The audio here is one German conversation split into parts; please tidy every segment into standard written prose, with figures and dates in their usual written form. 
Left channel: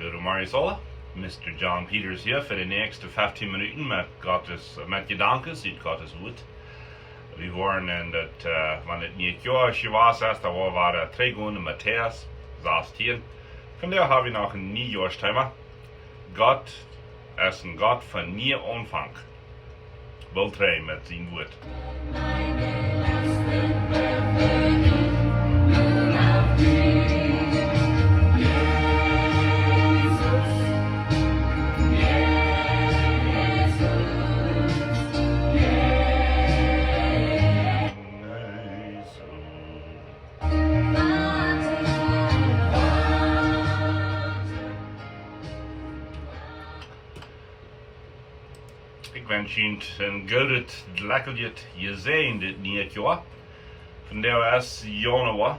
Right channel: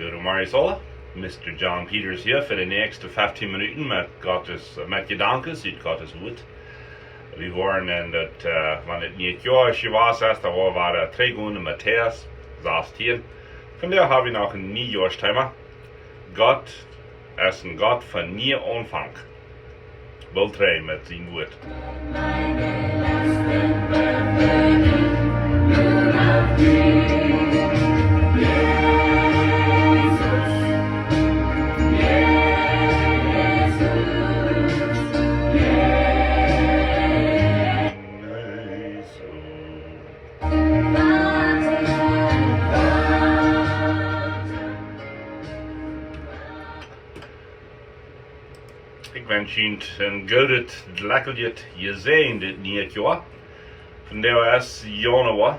Goedemorgen, Mr. John Peters hier für die nächsten 15 Minuten mit Gedanken uit Gottes Woord. Wir waren in dat, wanneer het Niehtjuah was, da waren 3 Gunden Matthäus 16. Von der habe ich noch ein Nieuwjaarsthema. Gott ist ein Gott von nie Anfang. Wohl 3 mit seinem Wort. Ik wens je een goedet, lekkerdjet gezien dit Niehtjuah. Vandaar is januari.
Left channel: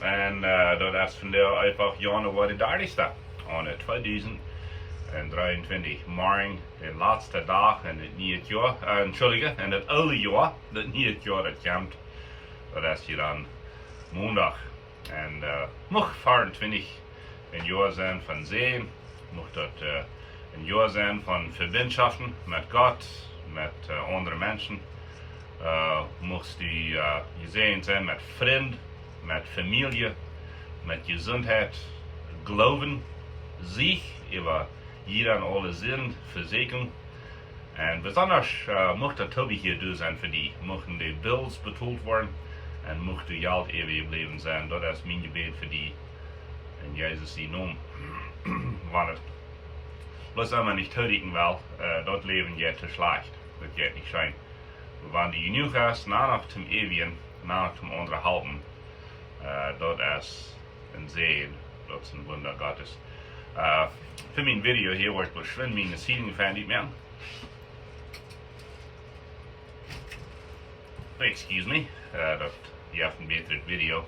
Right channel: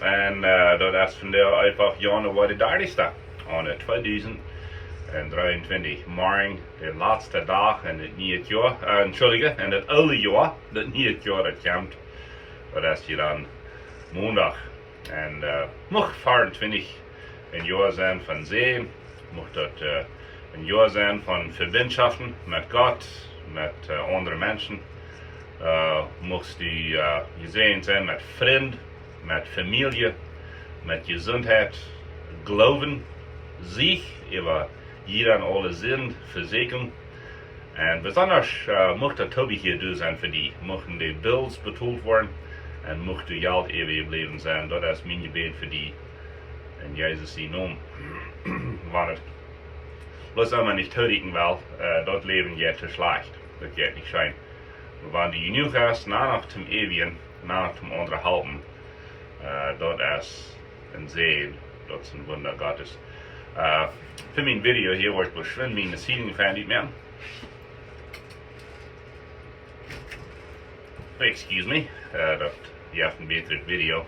En dat is vandaar einfach januari de 30ste. Aan 2023. Morgen de laatste dag in het Niehtjuah. In het oude jaar. Dat Niehtjuah dat komt. Dat is hier dan maandag. En mag 24 een jaar zijn van zee. Mag dat een jaar zijn van verbindschaften met God, met andere mensen. Mocht die gezien zijn met vriend, met familie, met gezondheid, geloven, zich over jeder en alle zin verzekeren. En besonders mocht dat Tobi hier doen zijn voor die. Mochten die bills betaald worden en mocht de geld eeuwig blijven zijn. Dat is mijn gebed voor die. In Jezus' naam. Wanneer was allemaal niet toedigen wel, dat leven gaat te slecht. Dat gaat niet zijn. Wanneer je nu gaat, naar zum eeuwigen, naar zum onderhalten, dat is een zegen, dat is een wunder Gottes. Voor mijn video hier wordt beschreven mijn zieling van niet meer. Excuse me, dat je hebt een betere video.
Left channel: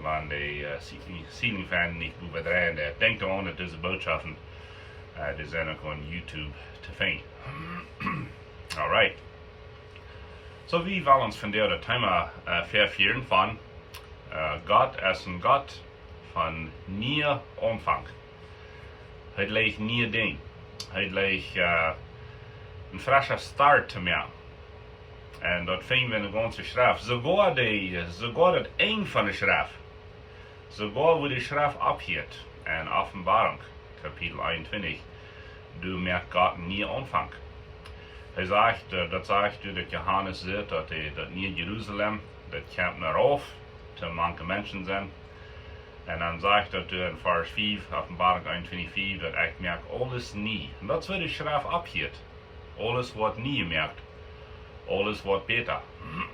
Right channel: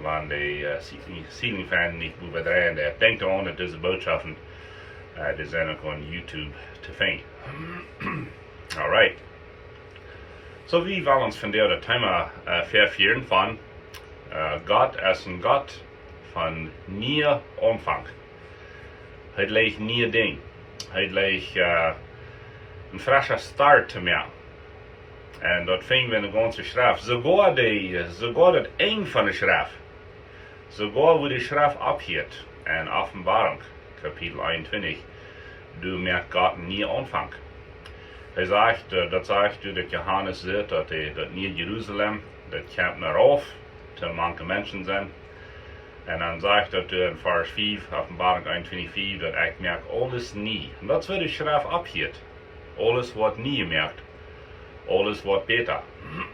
Wanneer de zieling van niet moet bedrijven, denkt aan dat deze boodschappen die zijn ook op YouTube te vinden. Alright. So wie willen ons vandaag het thema vervieren van God is een God van nieuw omvang. Het lijkt nieuw ding. Het lijkt een frisse start te maken. En dat vinden we in de ganze schrift. Sogar het eind van de schrift. Sogar wo de schrift abgeht. En Offenbarung, Kapitel 21. Du merkt Gott nie Anfang. Hij zegt, dat zegt u dat Johannes zegt, dat Nieuw Jeruzalem, dat komt naar af, te manche mensen zijn. En dan zegt dat in vers 5, Offenbarung 21, dat ik merk alles nie. En dat is waar de schrift abgeht. Alles wordt nie gemerkt. Alles wordt beter.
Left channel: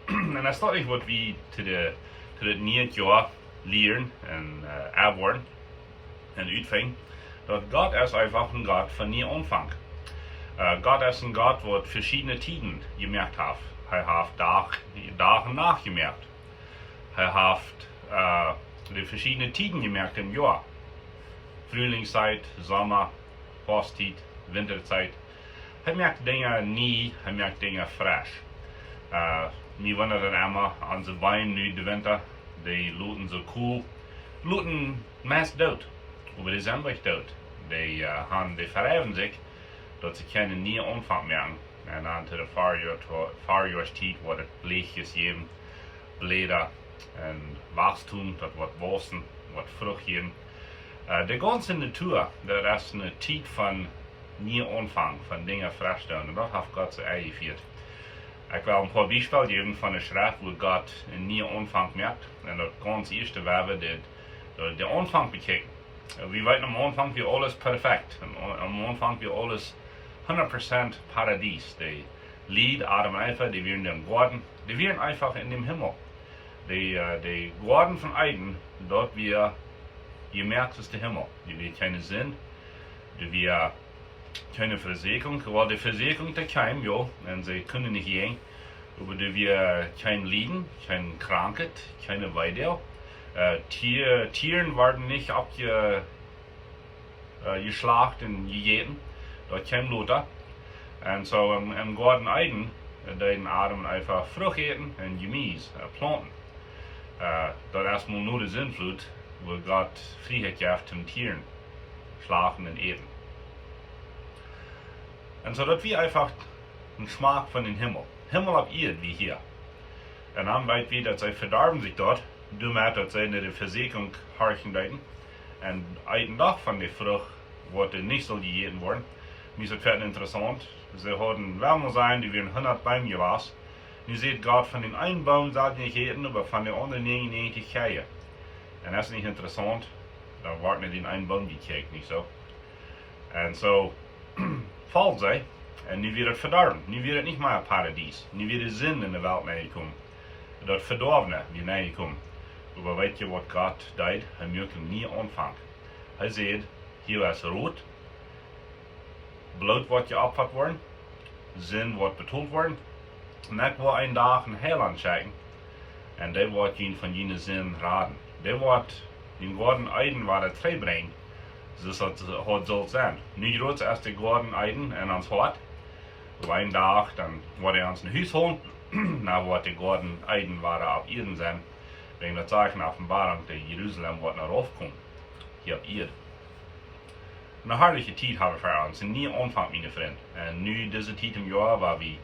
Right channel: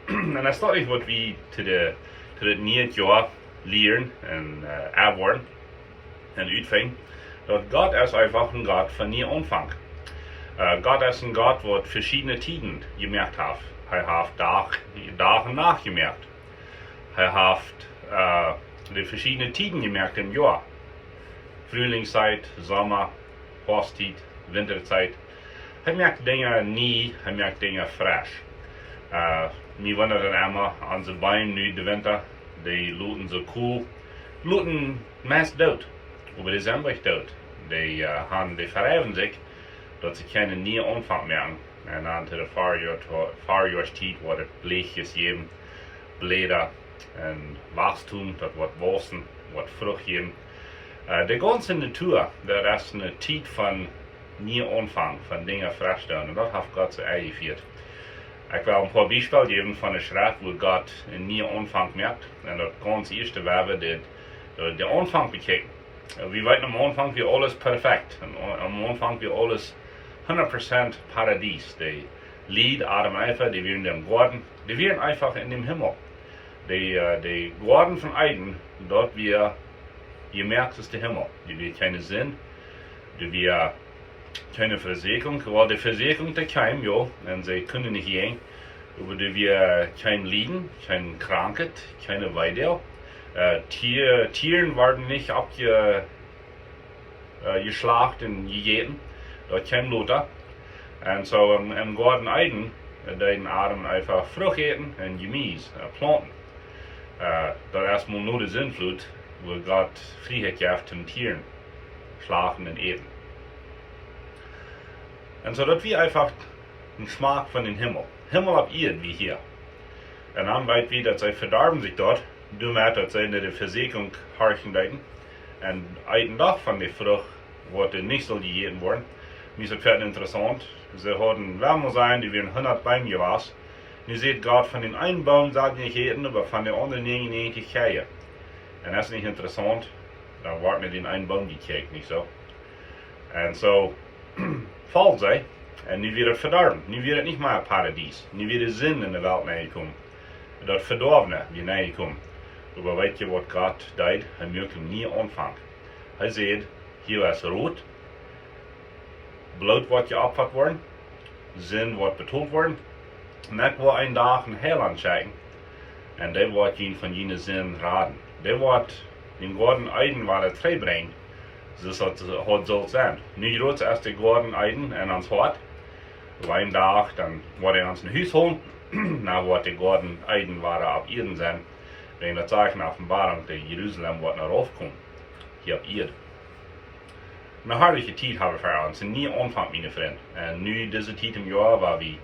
En dat is toch iets wat we te het Niehtjuah leren en aanworden en uitvinden. Dat God is einfach een God van nieuw Anfang. God is een God wat verschillende tijden gemerkt heeft. Hij heeft dag en nacht gemerkt. Hij heeft de verschillende tijden gemerkt im jaar. Frühlingszeit, zomer, herfsttijd, winterzeit. Hij merkt dingen nieuw, hij merkt dingen fresh. Wir wundern immer, onze Beine nu de winter, die looten so cool, looten meist dood. Aber die zijn nicht dood. Die verheffen sich, dat ze geen nieuwe Anfang merken. En dan te de Vorjahrstijd wordt het bleekjes geven, bläder en wachstum, dat wordt bossen, wordt vrucht geven. De ganze natuur, dat is een tijd van nieuwe Anfang, van dingen vaststellen. En dat heeft God zo eingevierd. Ik wil een paar voorbeelden geven van de schrift, waar God een nieuwe Anfang merkt. En dat ganz eerste waar we de Anfang bekijken. We weten am Anfang wie alles perfect. Am Anfang wie alles 100% Paradies. Die Lied, Adam, Eva, die wären im Garten, die wären einfach in dem Himmel. Die Garten von Eden, dort je merkt es der Himmel. Die wird keine Sinn, die wird keine Versicherung, weil die Versicherung der kein, ja, und sie können nicht gehen, aber die wird kein Leiden, keine Krankheit, keine Weidel. Tieren werden nicht geschlacht und gegessen. Dat kein Lothar. Und so im Garten Eden, den Adam einfach Frucht eten und Gemüse, planten. Dat is maar nur de Sintflut, wo Gott Freiheit geeft zum Tieren. schlafen und eten. Und so, das wie einfach ein Schmack von dem Himmel. Himmel auf Erde wie hier. Und dann weit wie, dass sie verdarben sich dort, damit dass sie in der Versiegelung horchen deuten. Und einen Tag von der Frucht, wo die nicht so gegeben worden. Mir ist das interessant. Sie hatten wärmer sein, die wären 100 Bäume gewesen. Ihr seht Gott von den einen Baum sagt nicht jeden, aber von den anderen 99 Käse. Und das ist nicht interessant. Da wird nicht den einen Baum gekriegt, nicht so. Und so fällt sie. Und nu wird es verdorben. Nu wird es nicht mehr ein Paradies. Nu wird es Sinn in der Welt nahekommen. Das Verdorbene wird nahekommen. Aber weißt du, was Gott deit? Er möchte nie anfangen. Er sagt, hier ist rot. Blut wird geopfert worden. Sinn wird betont worden. Und das wird ein Tag ein Heiland schicken. Und der wird ihn von jener Sinn raten. Der wird den Gordon Eiden, was er trei bringt. Das soll sein. Nu groß erst der Gordon Eiden in uns Hort. Auf einen Tag, dann wird er uns ein Haus holen. Dann wird der Gordon Eiden, was er auf Erden sein. Wegen der Zeichen Offenbarung, der Jerusalem wird nach raufkommen. Hier auf Erde. Eine herrliche Zeit haben wir für uns. Und nie Anfang, meine Freunde. Und nu diese Zeit im Jahr, war wie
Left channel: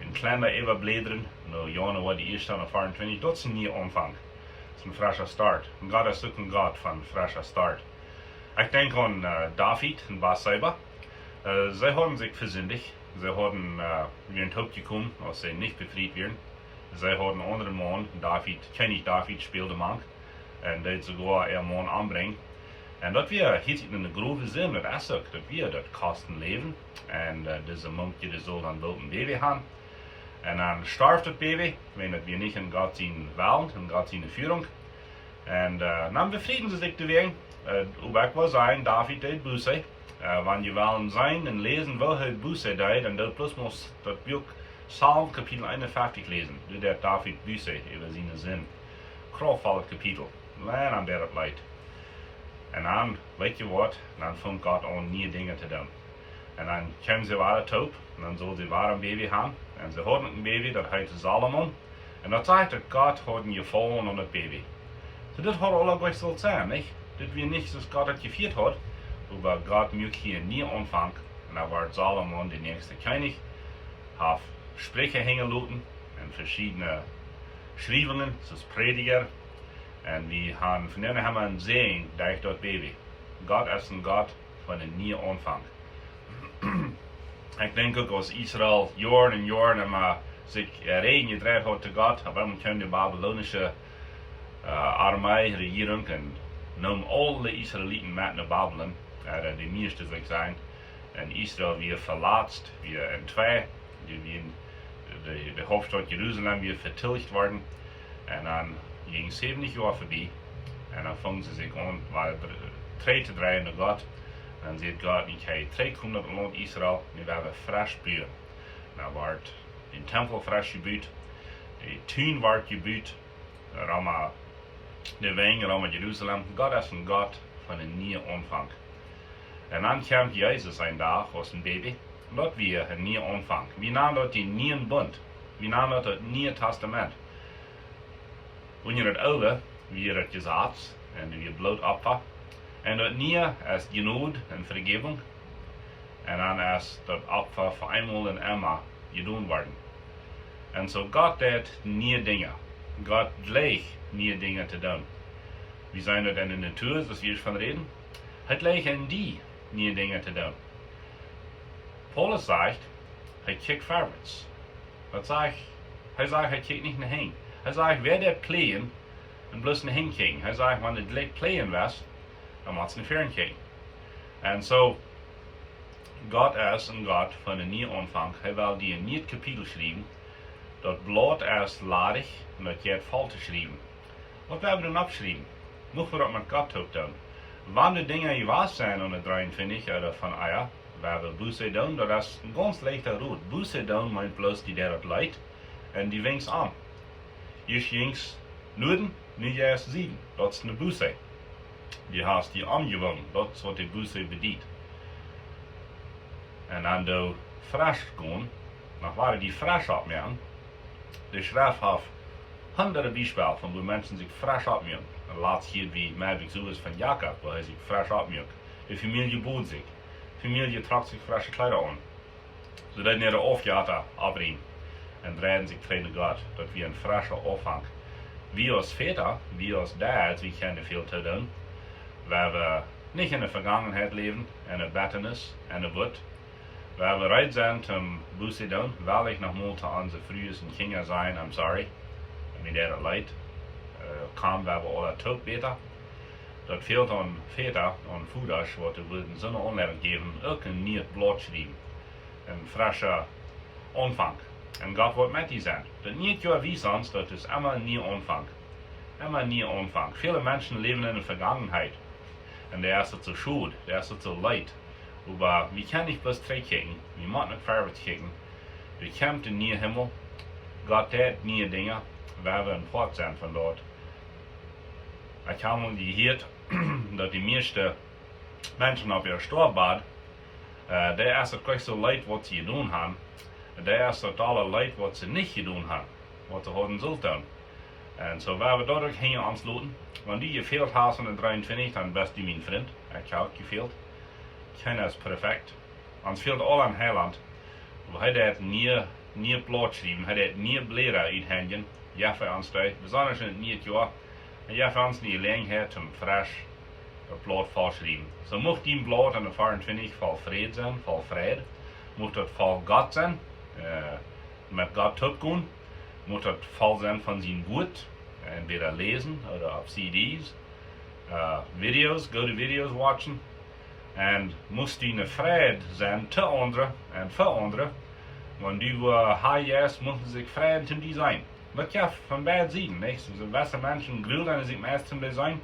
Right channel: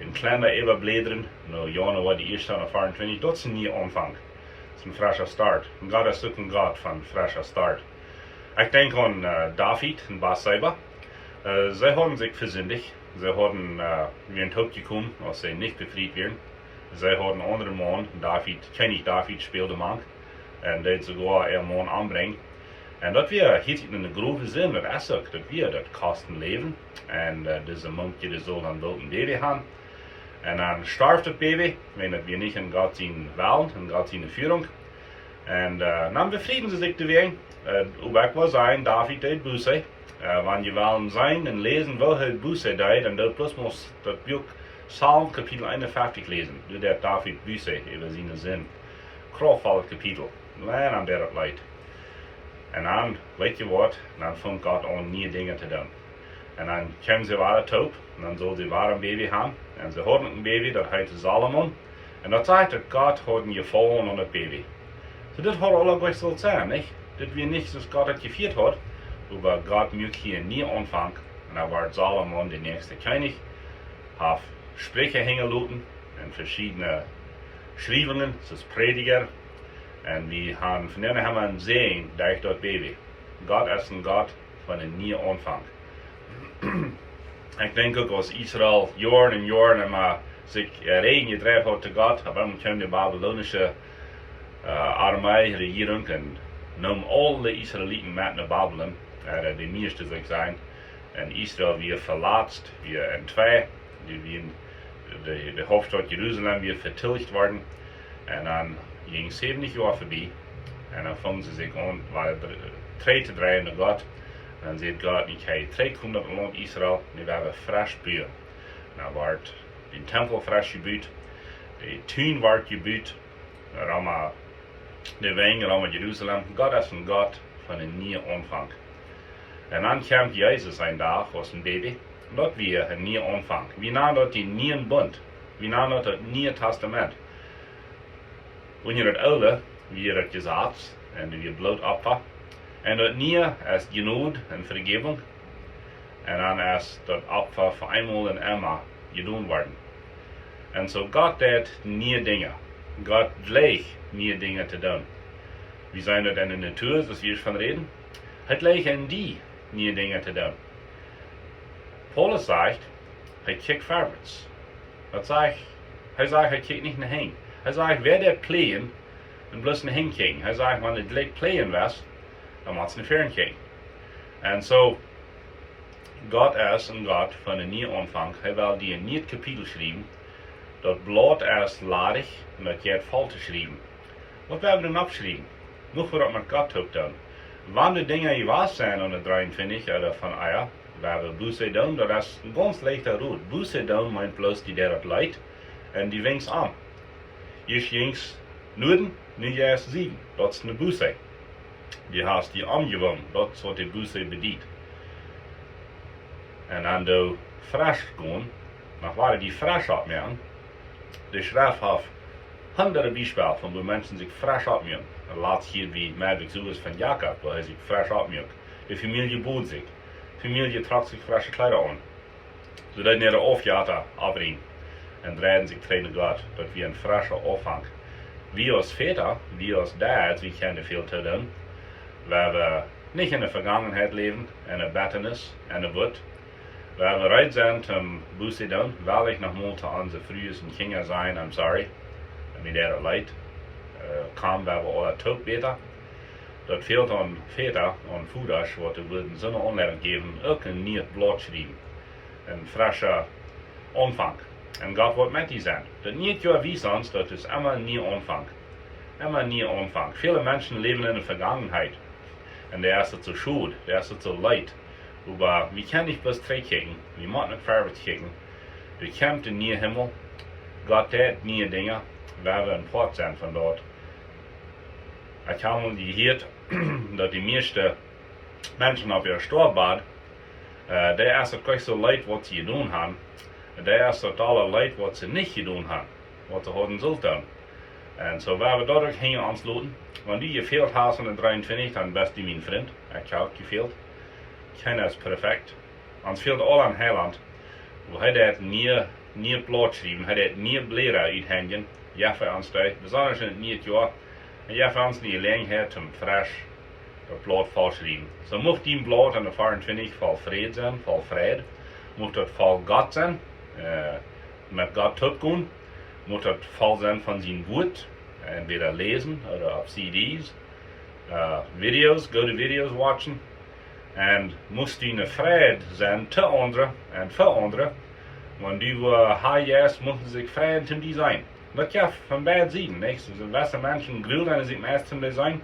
in kleiner Überblädern, no Januar war die erste und 24, das ist nie Anfang. Das ist ein frischer Start. Und Gott ist auch ein Gott von frischer Start. Ich denke an David und Bathseba. Sie haben sich versündigt. Sie haben in den Tod gekommen, als sie nicht befreit werden. Sie haben einen anderen Mann, König David spielte Mann. Und der sogar ihren Mann anbringen. Und dat weer heeft in een grove zin, dat is ook, dat weer dat kosten leven. En deze monkje die zal dan wel een baby hebben. En dan sterft het baby, wanneer we niet in God zijn Welt, in God zijn Führung. En dan befrieden ze zich weer. Hoe ik wil zijn, David deed Buße. Wanneer je willen zijn en lezen wil hij Buße deed, en dat plus moest dat boek Psalm kapitel 51 lezen. Du dat David Buße over zijn zin. Krachtvolles kapitel. Lijn aan dat het leidt. En dan, weet je wat, dan vangt God aan nieuwe dingen te doen. En dan komen ze weer top, en dan zal ze weer een baby hebben. En ze hadden een baby, dat heet Salomon. En dat zegt dat God had een gevallen aan dat baby. So dat had alle gleich so sein, nicht? Dat wir nicht, dass Gott het gevierd hat, aber Gott möchte hier nie anfangen. Und da war Salomon der nächste König, hat Sprüche hängen lassen, und verschiedene Schriebungen, das ist Prediger. Und wir haben von denen haben wir sehen, durch das Baby. Gott ist ein Gott von einem nie Anfang. Ich denke auch, als Israel Jahren und Jahren immer sich reden gedreht hat zu Gott, aber dann kam die babylonische Armee, Regierung und nahm alle Israeliten mit nach Babylon, die meisten sich sein. Und Israel wird verletzt, wir in zwei, die Hauptstadt Jerusalem wird vertilgt worden. Und dann ging 70 Jahre vorbei. Und dann fangen sie sich an, weil drei zu drehen nach Gott. Und dann sagt Gott, ich habe 300 Land Israel, die werden frisch bauen. Dann wird der Tempel frisch gebaut, der Tuin wird gebaut, der Wegen, Rama Jerusalem. Gott ist ein Gott von einem neuen Anfang. Und dann kommt Jesus ein Tag aus dem Baby. Und das wird ein neuer Anfang. Wir nennen das den neuen Bund. Wir nennen das Neue Testament. Und in das Alte wird das Gesetz und wird Blutopfer. Und das Neue ist Genade und Vergebung. Und dann ist das Opfer für einmal und immer getan worden. Und so Gott hat neue Dinge. Gott gleich neue Dinge zu tun. Wie sind das in der Natur, dass wir von reden? Het ligt in die neue Dinge zu tun. Paulus sagt, er kijkt vorwärts. Er sagt, er kijkt nicht nach hinten. Er sagt, wer der pläen, dann bloß nach hinten kijken. Er sagt, wenn er gleich pläen was, dann muss er nach vorne kijken. Und so, Gott ist ein Gott von einem neuen Anfang. Er will die ein neues Kapitel schreiben. Das Blatt ist ladig und das geht voll zu schreiben. Was werden wir denn abschreiben? Noch wir das mit Gott tun. Wenn die Dinge gewahr sind und 53 oder von Eier, wenn wir Buße tun, das ist ein ganz leichter Rot. Buße tun meint bloß die, der das leid, und die winkt an. Ich ging's Norden, nicht erst Süden. Das ist eine Buße. Die hast die angewonnen, das ist was die Buße bedient. Und dann du frisch gehen, nach weil die frisch abmachen, die Schrift hat hunderte Beispiele von wo Menschen sich frisch abmachen. Laatst hier wie Merwig so ist von Jakob, wo er sich frisch abmacht. Die Familie boot sich. Die Familie tragt sich frische Kleider an. Zodat niet de afjater afbrengen. En draaien zich tegen Gott. Dat wir een frische Anfang. Wir als Väter, wir als dads, wir kennen viel zu tun. Weil wir nicht in der Vergangenheit leben, in der Betternis, in der Wut. Weil wir bereit sind zum Buße tun, weil ich noch mal zu unseren frühesten Kinder sein, I'm sorry. Mir der leid. Kam, weil wir alle tot beter. Dat fehlt an Väter und Fudas, wat de würden so eine Anleitung geben, auch ein Nieht Blatt schreiben. Ein frischer Anfang. Und Gott wird mit dir sein. Das Niehtjuah wies uns, das ist immer ein neuer Anfang. Immer ein neuer Anfang. Viele Menschen leben in der Vergangenheit. Und der ist so schuld, der ist so leid. Aber wir können nicht bloß zurückkicken, wir müssen nicht vorwärts kicken. Wir kommen in den Himmel. Gott tät neue Dinge, weil wir ein Port sind von dort. Ich habe mal gehört, dass die meisten Menschen auf ihr Storbad, der ist gleich so leid, was sie getan haben. Der ist total leid, was sie nicht getan haben, was sie haben sollten. Und so werden wir dadurch hängen ansluten. Wenn du gefehlt hast in 23, dann bist du mein Freund. Ich habe auch gefehlt. Keiner ist perfekt. Uns fehlt alle an Heiland. Wo hat nie Blatt schreiben, hat nie Blätter uithängen. Ja, für uns da, besonders in Niehtjuah. En je hebt die gelegenheid om frisch het blad volschrijven. So mocht die blad aan de 24 vol vrede zijn, vol vrede. Mocht het vol God zijn, met God topgaan. Mocht het vol zijn van zijn woord, entweder lezen oder op CD's, video's, go to video's watchen. En moest die een vrede zijn te anderen en voor anderen. Want die high mochten zich vrede te die zijn. Dat ja van beide zijden, nicht? Also, welche Menschen glühen an sich meist zum Design,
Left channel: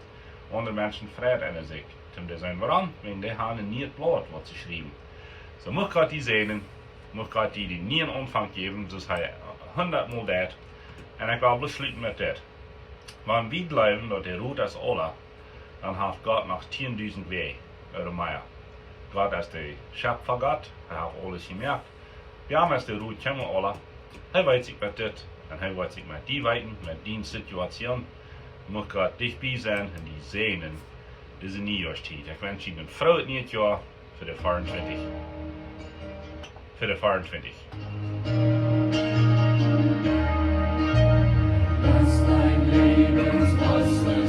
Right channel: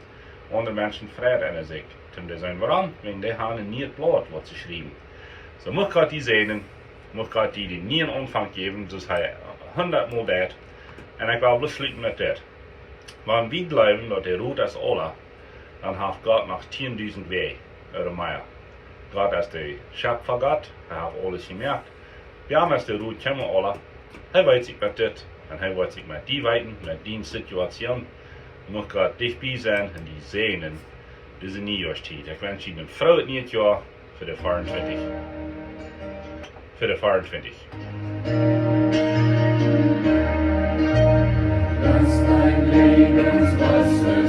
andere Menschen freuen an sich zum Design. Warum? Wenn die haben nie het Blatt, was sie schreiben. So muss Gott die sehen, muss Gott die nie einen Anfang geben, das heißt 100 Mal das. Und ich will beschließen mit das. Wenn wir glauben, dass der Rot ist alle, dann hat Gott noch 10.000 Wege oder mehr. Gott ist der Schöpfer Gott, er hat alles gemerkt. Wir haben als der Rot kommen alle, er weiß sich mit das. Und hij wordt zich met die weten, met die Situation, moet Gott dich bij zijn en die zenen deze nieuwjaarstijd. Ik wens je een vrolijk nieuwjaar voor de 24. Voor de 24. Lass dein Lebenswasser